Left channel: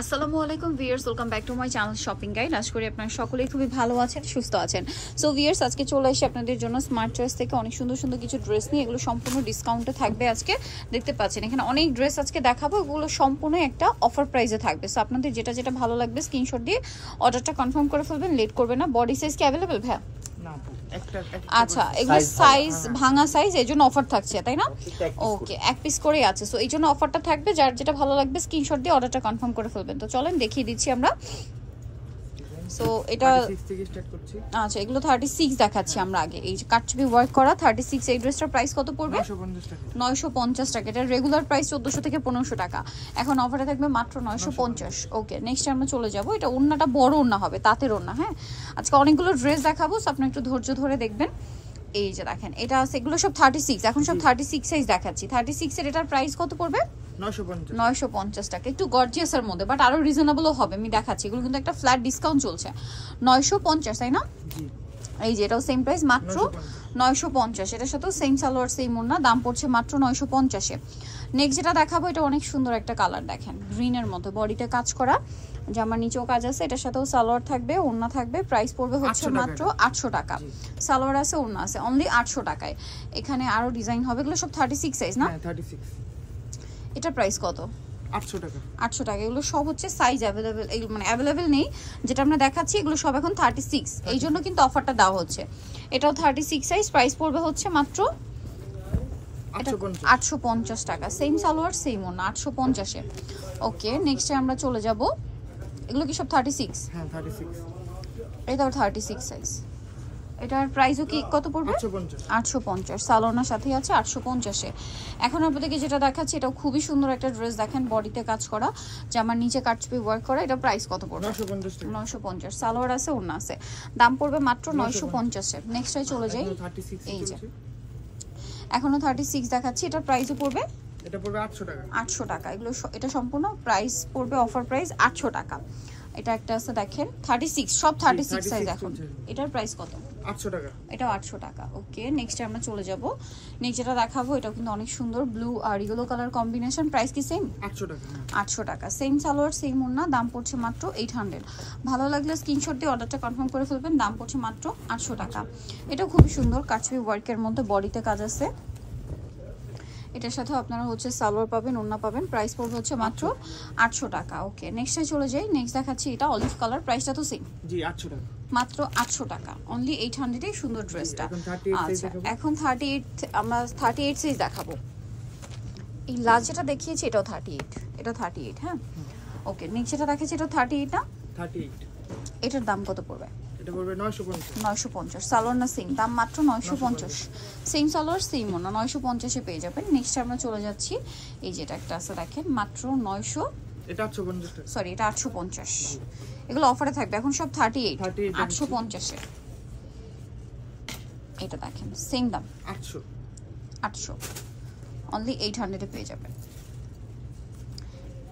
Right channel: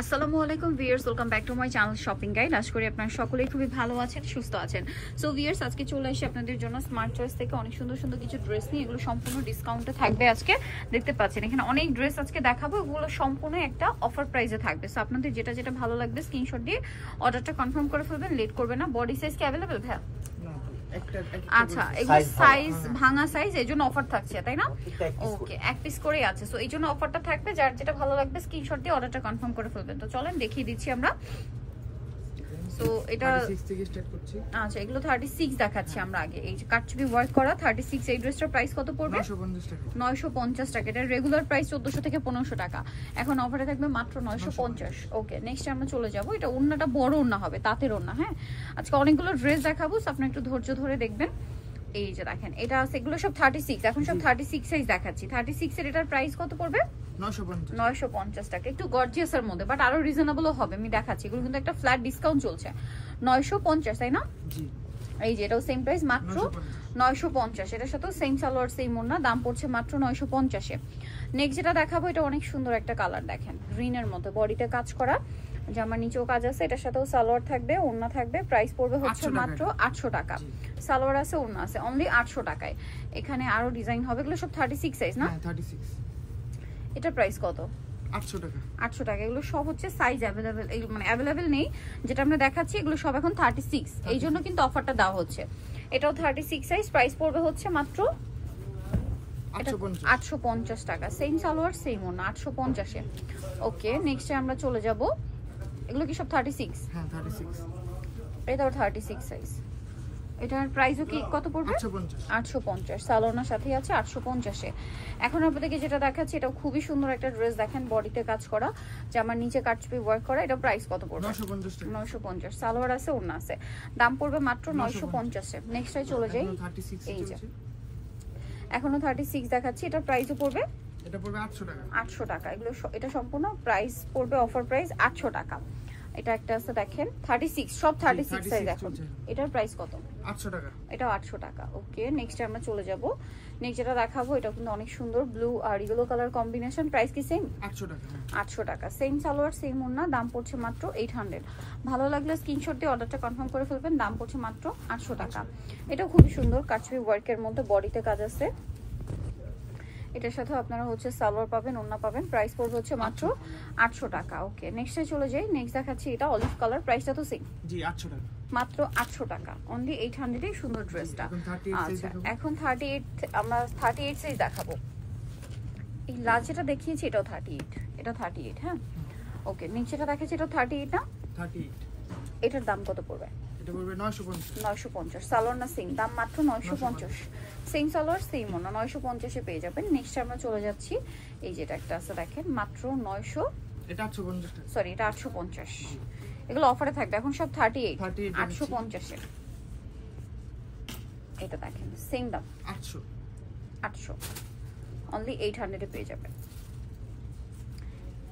আসসালামু আলাইকুম viewers, welcome back to my channel shopping guide. আশা করি আপনারা সকলেই খুবই ভালো আছেন, সুস্থ আছেন। সো ভিউয়ার্স, আজকে চলে এসে আপনাদের জন্য স্মার্ট চয়েস থেকে অনেক সুন্দর সুন্দর কিছু ড্রেস নিয়ে, এগুলো সম্পূর্ণ ডিসকাউন্টে থাকবে। আজকে দেখতে পাচ্ছেন এখানে অনেক ড্রেস আজকে দেখাবো, এগুলো সম্পূর্ণ একটা অফার প্রাইসে থাকবে। সো আপনাদের যেটা যেটা ভালো লাগবে স্ক্রিনশট দিয়ে অর্ডারটা কনফার্ম করে ফেলবেন, লেট করবে না। বডি সাইজ কি অ্যাভেলেবেল ভাই? আচ্ছা, এগুলো সাইজ ভাঙা সাইজ, এই জন্য অফার থাকছে, তাই না? ওকে, এক পিস করেই আছে। সো এই জন্য অফারটা থাকবে, যার যেটা ভালো লাগবে স্ক্রিনশট দিয়ে অর্ডারটা কনফার্ম করে ফেলবেন। তো চলেন দেখিয়ে দিচ্ছি আমরা। সো এটা 36 থেকে স্টার্ট করছি। আচ্ছা, এগুলো 36 দেখাচ্ছি আমরা আগে। এই যে কাটছবি ওয়ার্ক করা 36, এই ড্রেসটার প্রাইস কত পড়বে? 950 টাকা। 950 টাকা। এটা রেগুলার প্রাইস 1400 থেকে 1500 টাকা, এখন অফারে থাকবে মাত্র 950। ওকে, নেক্সট আমরা চলে যাব। এটা ওন্নাটা বড় ওন্না হবে, তাঁতের ওন্না। হ্যাঁ, আজকে অনেকগুলো ড্রেস দেখাবো, সো আপনি একটু ধৈর্য ধরে দেখবেন। এই যে দেখেন, এটা আছে, এগুলো সব 36, এখন সব 36 সাইজ দেখাচ্ছি। 36 এর এটার প্রাইস কত পড়বে? 950 টাকা। একটু গর্জিয়াসের মধ্যে, বাট আরো রিজনেবলও হবে, আমি দেখাচ্ছি। এগুলো কিন্তু একটা ফ্ল্যাট ডিসকাউন্ট চলছে। 950, তাই না? জি। এই যে এটাও সেম প্রাইস, মাত্র 950। এটার সাথেও সেম সালোয়ার সেম ওড়না, দাম পড়ছে মাত্র 950 এ। নেক্সট যেটা দেখাবো, এটা অনেক সুন্দর একটা কালার, দেখেন গ্রিনের মধ্যে, বডিতে কাজ করা, জামার নিচেও কাজ আছে। এটার সাথেও সালোয়ার থাকবে, ওড়না থাকবে। প্রাইস পড়বে হচ্ছে মাত্র 800 টাকা। সালোয়ার আছে, ওড়না আছে, অনলি 800 টাকায়। এখানে আরো ডিজাইন হবে, এগুলো সব 36 সাইজ না? হ্যাঁ 36। এটা প্রাইস কত? 800 টাকা। 800 টাকা। এগুলো সব হচ্ছে সাইজ অ্যাভেলেবেল, এগুলো মানে অ্যাভেলেবেল নেই, যেটা আমরা দেখাচ্ছি এগুলো সব এখন 36, এই জন্য কিন্তু অফারটা দেওয়া হচ্ছে। এটাও 36 সাইজ, প্রাইস পড়বে হচ্ছে মাত্র 850 টাকা। সেম সালোয়ার সেম ওড়না, 850 এ। ওকে, নেক্সটে আমরা চলে যাব। এগুলো কি সব 36? হ্যাঁ 36। এটাও 36 সাইজ। এটার প্রাইসও কি কত পড়বে? 850। সালোয়ারের সাথেই আছে 850 এ। এখন আপনাদেরকে যেটা দেখাচ্ছি, এটাও খুবই সুন্দর একটা ড্রেস, দেখেন বডিতে কাজ করা, জামার নিচে কাটছবি ওয়ার্ক করা। এটা প্রাইস কত পড়বে? 950 টাকা। 950। সালোয়ার আছে, ওড়না আছে, দাম পড়বে মাত্র 950 এ। নেক্সটে চলে যাই। 36 চলছে। এখনো 36 দেখাচ্ছি, এটার প্রাইসও পড়বে? এটা পড়বে 800 টাকা। 800 টাকা। এগুলো এটা সম্পূর্ণ প্রাইস পড়বে, অফার প্রাইস 800 টাকা। এটা একটা আছে, দেখেন 36, সব 36 সাইজ এখন। এটার প্রাইস কত? 800 টাকা। এটাও 800 টাকা। ওকে, নেক্সট আমরা চলে যাব। নেক্সট যেটা দেখাবো, এটা কিন্তু অনেক সুন্দর, ব্লু আর ইয়েলো কালার কম্বিনেশন। প্রাইস কি সেম? 800 টাকা। 800 টাকা। সেম সালোয়ার সেম ওড়না, দাম পড়ছে মাত্র 800। ভালো লাগলে স্ক্রিনশট দিয়ে অর্ডারটা কনফার্ম করে ফেলবেন, দাম পড়ছে মাত্র 800 টাকা। এটাও খুব সুন্দর, কাটছবি ওয়ার্কের মধ্যে, বডিতে কাজ আছে। এটার সাথে আপনারা হচ্ছে সালোয়ার পাবেন, ওড়না পাবেন। প্রাইস পড়বে হচ্ছে মাত্র 800 টাকা। ওকে, নেক্সটে চলে যাই। নেক্সট দেখাচ্ছি, এটা অলিভ কালার, প্রাইসটা তো সেম। জি 800 টাকা। মাত্র 800 টাকা, অনলি 800 এ সুন্দর ড্রেসটা। আচ্ছা, এখন 38, আমরা 38 সাইজ দেখাবো। এই লাস্ট যেটা দেখিয়েছি এটাও 38, এটা 38। হ্যাঁ, ওকে, নেক্সট যেটা দেখাচ্ছি এটা 38 না? 38। এটার দাম কত পড়বে? এটা পড়বে 950। 950। সালোয়ার না সেম, দাম মাত্র 950। সেম সালোয়ার সেম ওনা, 950 এ পেয়ে যাবেন। নেক্সট আমরা চলে যাচ্ছি। এই যেটা একটা আছে, দেখেন মাত্র 900। এটা 850 টাকা। সরি, এটা 850। এগুলো অফারে থাকবে, এখন সব 38, 850 এ। এটা দেখেন সেম দাম, 800, অনলি 800 এ পেয়ে যাবেন।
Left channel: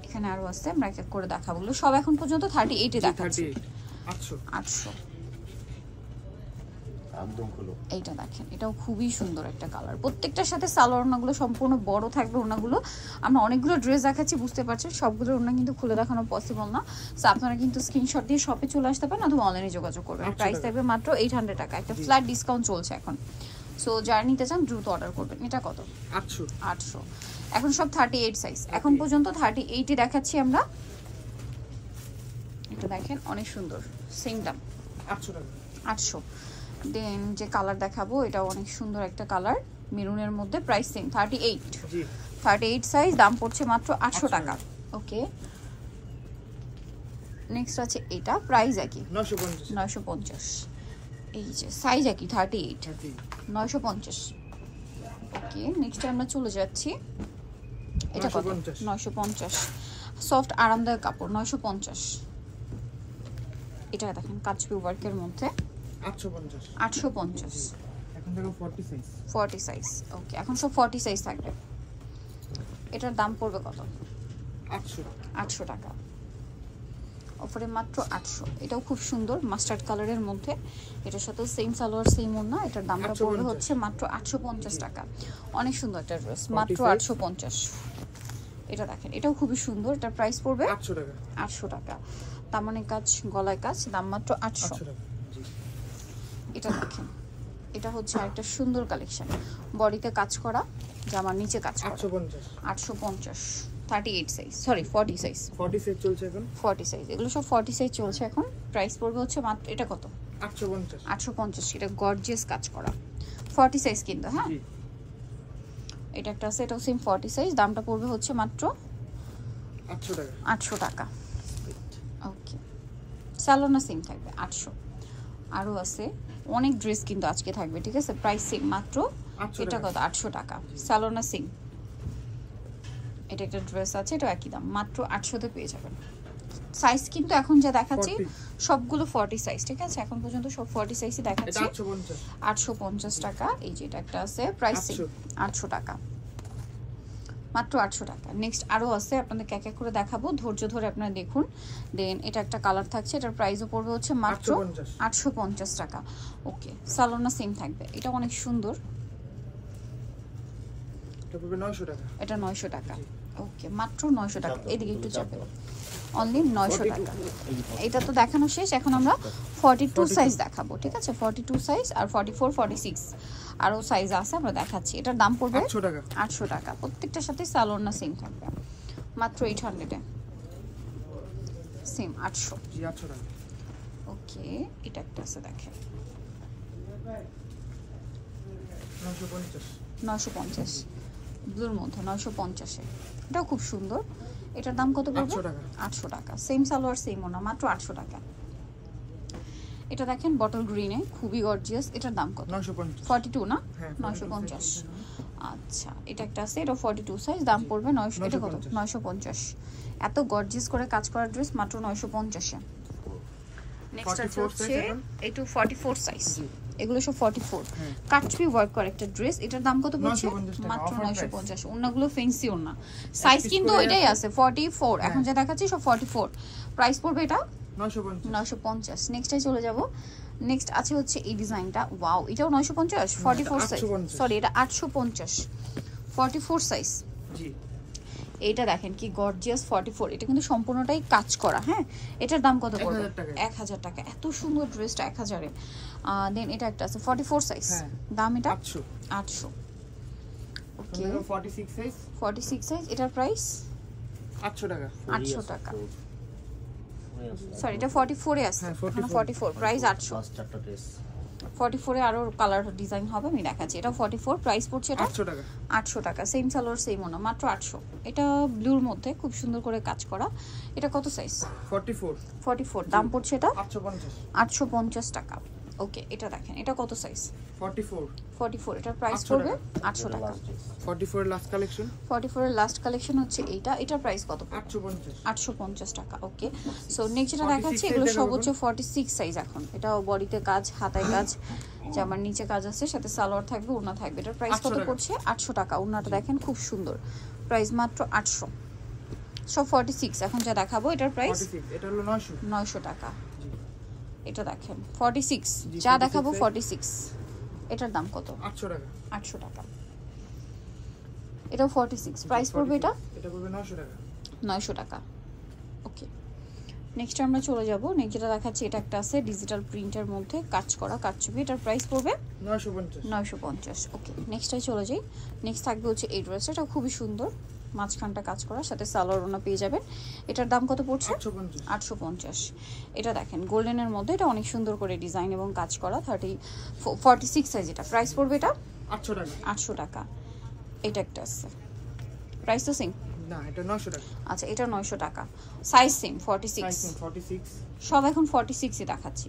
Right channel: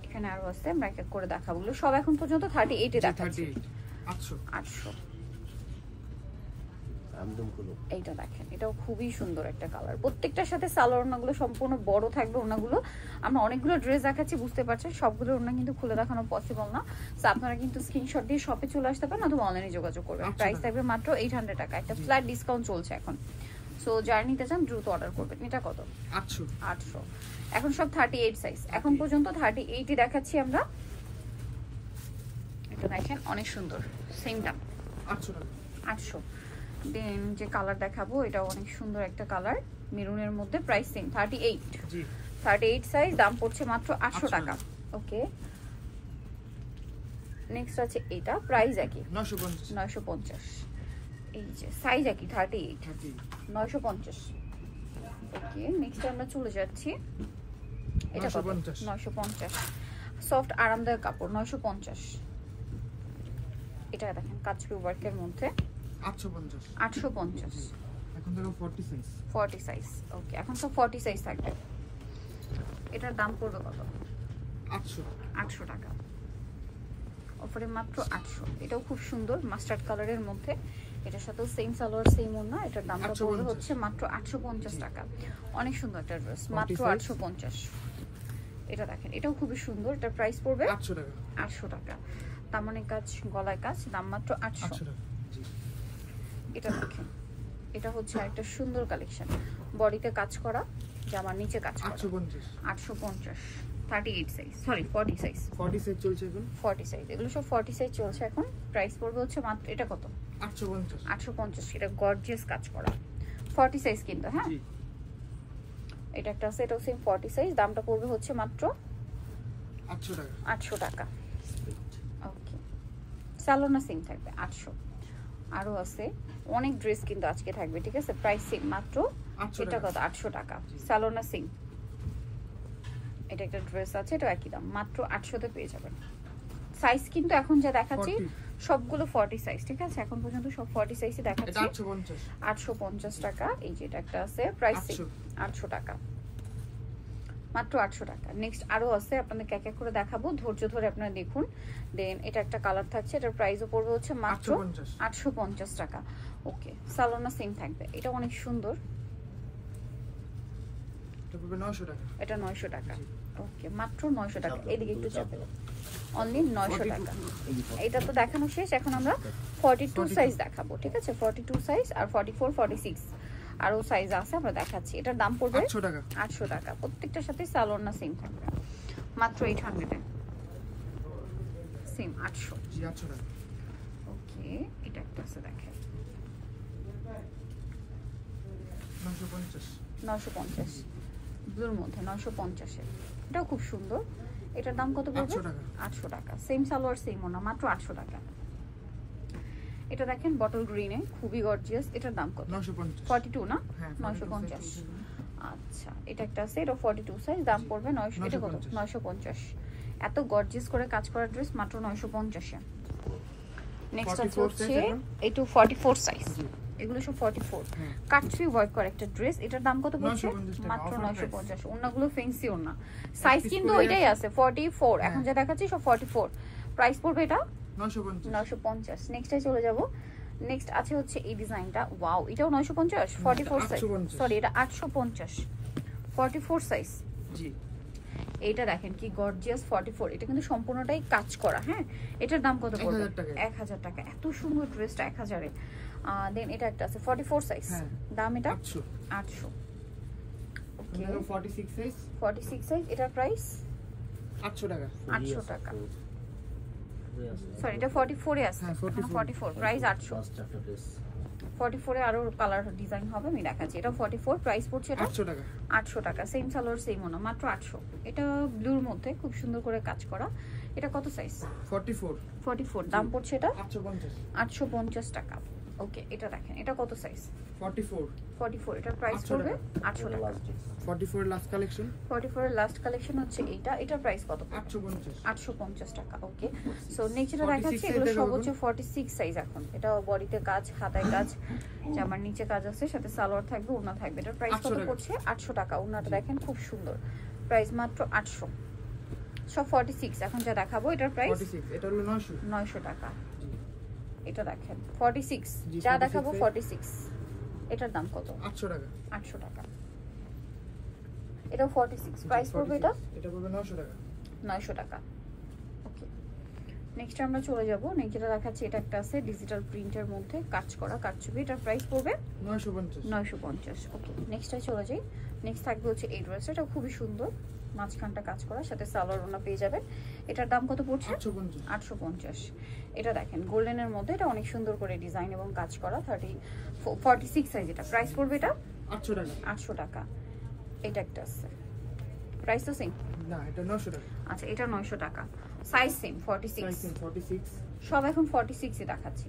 এখানে আরো আছে, আমরা এক এক করে দেখাবো। সব এখন পর্যন্ত 38 এ দেখাচ্ছি। 800। এইটা দেখেন, এটাও খুবই সুন্দর একটা কালার। প্রত্যেকটার সাথে সালোয়ার ওড়নাগুলো সম্পূর্ণ বড় থাকবে। ওড়নাগুলো আমরা অনেকগুলো ড্রেস দেখাচ্ছি, বুঝতে পারছেন সবগুলো ওড়না কিন্তু খুলে দেখানো পসিবল না। সো আপনারা কিন্তু স্ক্রিনশট দিয়ে শপে চলে আসতে পারেন, অথবা অনলাইনে যোগাযোগ করবেন। প্রাইস থাকবে মাত্র 800 টাকা। একটা ফ্ল্যাট ডিসকাউন্ট চলছে এখন। সো যারা নিতে চান দ্রুত অর্ডার করবেন। এটা কত? 800। এখন সব 38 সাইজ, এখন পর্যন্ত 38 ই দেখাচ্ছি আমরা। এটা দেখেন অনেক সুন্দর, সেম দাম 800 টাকা। 800। দেন যে কালার দেখাবো, এটা অনেক সুন্দর একটা কালার, মেরুনের মধ্যে, প্রাইস সেম 38। জি, 38 সাইজ, দাম পড়ছে মাত্র 800 টাকা। ওকে, নেক্সট আছে এটা, প্রাইস একই 950। এই যে সাইজ একই 38, 950। ওকে, নেক্সট আমরা চলে যাচ্ছি। এটা 950। সফট আরামদায়ক কাপড়, 950। এটা দেখেন কাচবি ওয়ার্কের মধ্যে, 850। এখন দেখো 40 সাইজ। 40 সাইজ। ওকে, এখন সব 40 সাইজ থাকবে। এটার দাম পড়বে কত? 800 টাকা। অফারে মাত্র 800। এটাও খুব সুন্দর, মাস্টার্ড কালারের মধ্যে। এটার সাথে সেম সালোয়ার সেম ওড়না। এটার দাম পড়বে হচ্ছে মাত্র 850 টাকা। অনেক সুন্দর একটা ড্রেস, মাত্র 850। এটা দেখেন, এটাও খুবই সুন্দর। এটার প্রাইস পড়বে 800 টাকা। 800 টাকা। দামানে কাজ, গলায় কাজ, দাম মাত্র 800 টাকা। জি। এটা দেখেন, এটা হচ্ছে একটা সুন্দর কালেকশন, বডিতে কাজ করা, জামার নিচে কাজ করা। 850। 850, 38 সাইজ, সরি 40 সাইজ। 40 সাইজ চলছে এখন। 40 সাইজ, এগুলো সব 40 সাইজ চলছে এখন। প্রাইস পড়বে হচ্ছে মাত্র, এটা কত? 850। 850। এটা গর্জিয়াস কাজ করা 40 সাইজ কিন্তু, হ্যাঁ। জি। এটা একটা আছে, এটাও সেম 40 সাইজ, দামটা পড়বে হচ্ছে মাত্র 800 টাকা। 800 টাকা। ওকে, স্যালোনা সেম থাকবে 800। আরো আছে অনেক ড্রেস কিন্তু আজকে থাকবে, ঠিক আছে। প্রাইস সেম মাত্র, এটা কত? 800 টাকা। স্যালোনা সেম। এটা একটা ড্রেস আছে, এটা একই দাম, মাত্র 800 তে পেয়ে যাবেন। সাইজ কিন্তু এখন যা দেখাচ্ছি সবগুলো 40 সাইজ, ঠিক আছে। এখন পর্যন্ত সব 40 সাইজই দেখাচ্ছি। এটা 850। 850 টাকা। এই যে এটা একটা আছে, প্রাইস 800 টাকা, মাত্র 800 টাকা। নেক্সট আরো আছে, আপনাদের এক এক করে দেখাবো, ধৈর্য ধরে আপনারা দেখুন। দেন এটা একটা কালার থাকছে, এটার প্রাইসও পড়বে হচ্ছে মাত্র 850 টাকা। ওকে, সালোনা সেম থাকবে। এটা অনেক সুন্দর, এটা পড়বে 900 টাকা। এটা 900 টাকা। ওকে, মাত্র 900 টাকা। এদিকে একটু যাবে, অনলি 900 টাকা। এটা তো দেখানো শেষ, এখন আমরা 42 সাইজ দেখাবো, ঠিক আছে। 42 সাইজ আর 44, 46 আরো সাইজ আছে, আমরা দেখাচ্ছি। এটার দাম পড়বে 800 টাকা। 800 টাকা। প্রত্যেকটার সাথে সালোনা সেম থাকবে, মাত্র 800 এ সেম 800। জি, 800 টাকা। ওকে, এটা একটা আছে, দেখেন 950। 950 ব্লুর মধ্যে, 950 এ। এটাও খুব সুন্দর। এটার দাম কত পড়বে? 800 টাকা। 800 টাকা। সেম সালোয়ার সেম ওনা, মাত্র 800 টাকা। এটা দেখেন বটল গ্রিনে, খুবই গর্জিয়াস। এটার দাম কত? 950। 42 না? হ্যাঁ, 950। আচ্ছা, এটা একটা আছে, এটা 42 সাইজ, দাম পড়বে 900। এটা কত? 950। এত গর্জিয়াস করে কাজ করা ড্রেস মাত্র 950 এ। নেক্সট আছে হচ্ছে এইটু 44 সাইজ, এগুলো সব 44 কাটছবি ওয়ার্ক করে একটা ড্রেস। এটার দাম কত পড়ছে? মাত্র 950। ওন্নাগুলো ফ্যান্সি ওন্না, সাইজ কিন্তু এটাই আছে 44। এখন যা দেখাচ্ছি সব 44। প্রাইস পড়বে এটা 950। নেক্সটে চলে যাব। নেক্সট আছে হচ্ছে এই ডিজাইনটা, ওয়াও, এটাও 950। 44 সাইজ, সরি এটা 850, 44 সাইজ। জি, এটা দেখেন কি গর্জিয়াস 44। এটা কিন্তু সম্পূর্ণটাই কাজ করা, হ্যাঁ। এটার দাম কত পড়বে? 1000 টাকা। এত সুন্দর ড্রেসটা 1000 এ। দেন এটা একটা আছে 44 সাইজ, দাম এটা 800। ওকে, 46 সাইজ, 46 সাইজ, এটার প্রাইস 800 টাকা। 800 টাকা। সরি, এটা 44 এ আছে, 44, প্রাইস 800। 44 এ আরো কালার ডিজাইন হবে, আমি দেখাচ্ছি। এটা 44, প্রাইস পড়ছে এটা 800 টাকা। 800 টাকা। সেম সালোয়ার সেম ওনা, মাত্র 800। এটা ব্লুর মধ্যে খুব সুন্দর করে কাজ করা। এটা কত সাইজ? 44, দাম পড়ছে এটা 850 টাকা। ওকে, এটা দেখেন, এটা কত সাইজ? 44, এটার প্রাইস পড়বে 800 টাকা। 44 এর লাস্ট কালেকশন, 44 এর লাস্ট কালেকশন হচ্ছে এইটা। এটার প্রাইস কত? 850 টাকা। ওকে, সো নেক্সট যেটা দেখাচ্ছি, এগুলো সব হচ্ছে 46 সাইজ। এখন এটা বডিতে কাজ, হাতায় কাজ, জামার নিচে কাজ আছে, সাথে সালোয়ার থাকবে, ওড়না থাকবে। এটার প্রাইস কত পড়ছে? 800 টাকা। ওড়নাটা দেখেন খুব সুন্দর, প্রাইস মাত্র 800। সব 46। এখন যা দেখাবো এটার প্রাইস, এটা হলো 900 টাকা। এটা দেখেন 46, যা দেখাবো 46। এটার দাম কত? 800 টাকা। 800 টাকা। এটাও 46, প্রাইস পড়বে এটা? এটা পড়বে 900 টাকা। 900 টাকা। ওকে, নেক্সট আমরা চলে যাব। নেক্সট যেটা দেখাচ্ছি, এটা একটা আছে ডিজিটাল প্রিন্টের মধ্যে কাজ করা কাটছবি। এটার প্রাইস পড়বে 950। ওকে, নেক্সটে চলে যাই। নেক্সট থাকবে হচ্ছে এই ড্রেসটা, এটা খুবই সুন্দর, মাঝখানটা কাজ করা, সাথে সালোয়ার ওড়না পেয়ে যাবেন। এটার দাম কত পড়ছে? 850। এটা দেখেন গোল্ডেনের মধ্যে, এটা অনেক সুন্দর করে ডিজাইন এবং কাজ করা। 46 সাইজ। এটা প্রাইস পড়বে এটা 800 টাকা। 800 টাকা। এটা একটা আছে, প্রাইস তো সেম না, এটা 900 টাকা। আচ্ছা, এটা 900 টাকা। Size same 46। সব এখন 46 এ দেখাচ্ছি।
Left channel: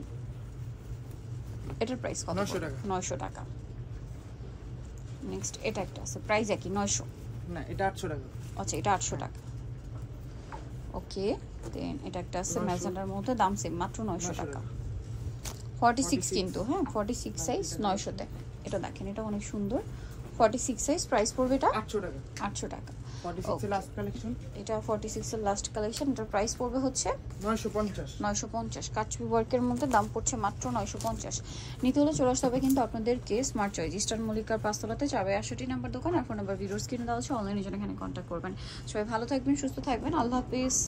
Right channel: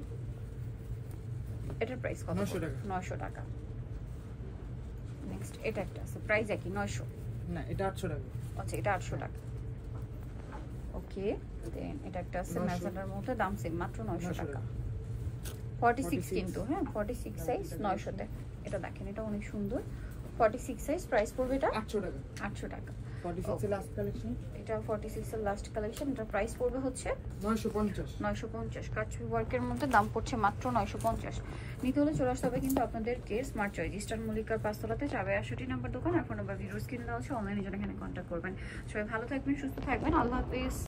এটার প্রাইস কত? 900 টাকা। 900 টাকা। নেক্সট এটা একটা আছে, প্রাইস একই 900। না, এটা 800 টাকা। আচ্ছা, এটা 800 টাকা। ওকে, দেন এটা একটা আছে ম্যাজেন্ডার মধ্যে, দাম সেম, মাত্র 900 টাকা। 46 কিন্তু, হ্যাঁ 46 সাইজ 900 তে। এটা দেখেন, এটা অনেক সুন্দর, 46 সাইজ, প্রাইস পড়বে এটা 800 টাকা। 800 টাকা। 46 এর লাস্ট কালেকশন। এটা 46 এর লাস্ট কালেকশন। এটার প্রাইস পড়বে হচ্ছে 950। 950 কাটছবি ওয়ার্কের মধ্যে দাম পড়ছে মাত্র 950। নিতে হলে চলে আসতে হবে কিন্তু আপনাদেরকে স্মার্ট চয়েস ইস্টার্ন মল্লিকার 5 তলাতে 462 নাম্বার দোকান। আর ফোন নাম্বার ভিডিওর স্ক্রিনে দেওয়া আছে, অনলাইনে জন্য এখানে কন্ট্যাক্ট করবেন। সবাই ভালো থাকবেন, সুস্থ থাকবেন, আল্লাহ হাফেজ।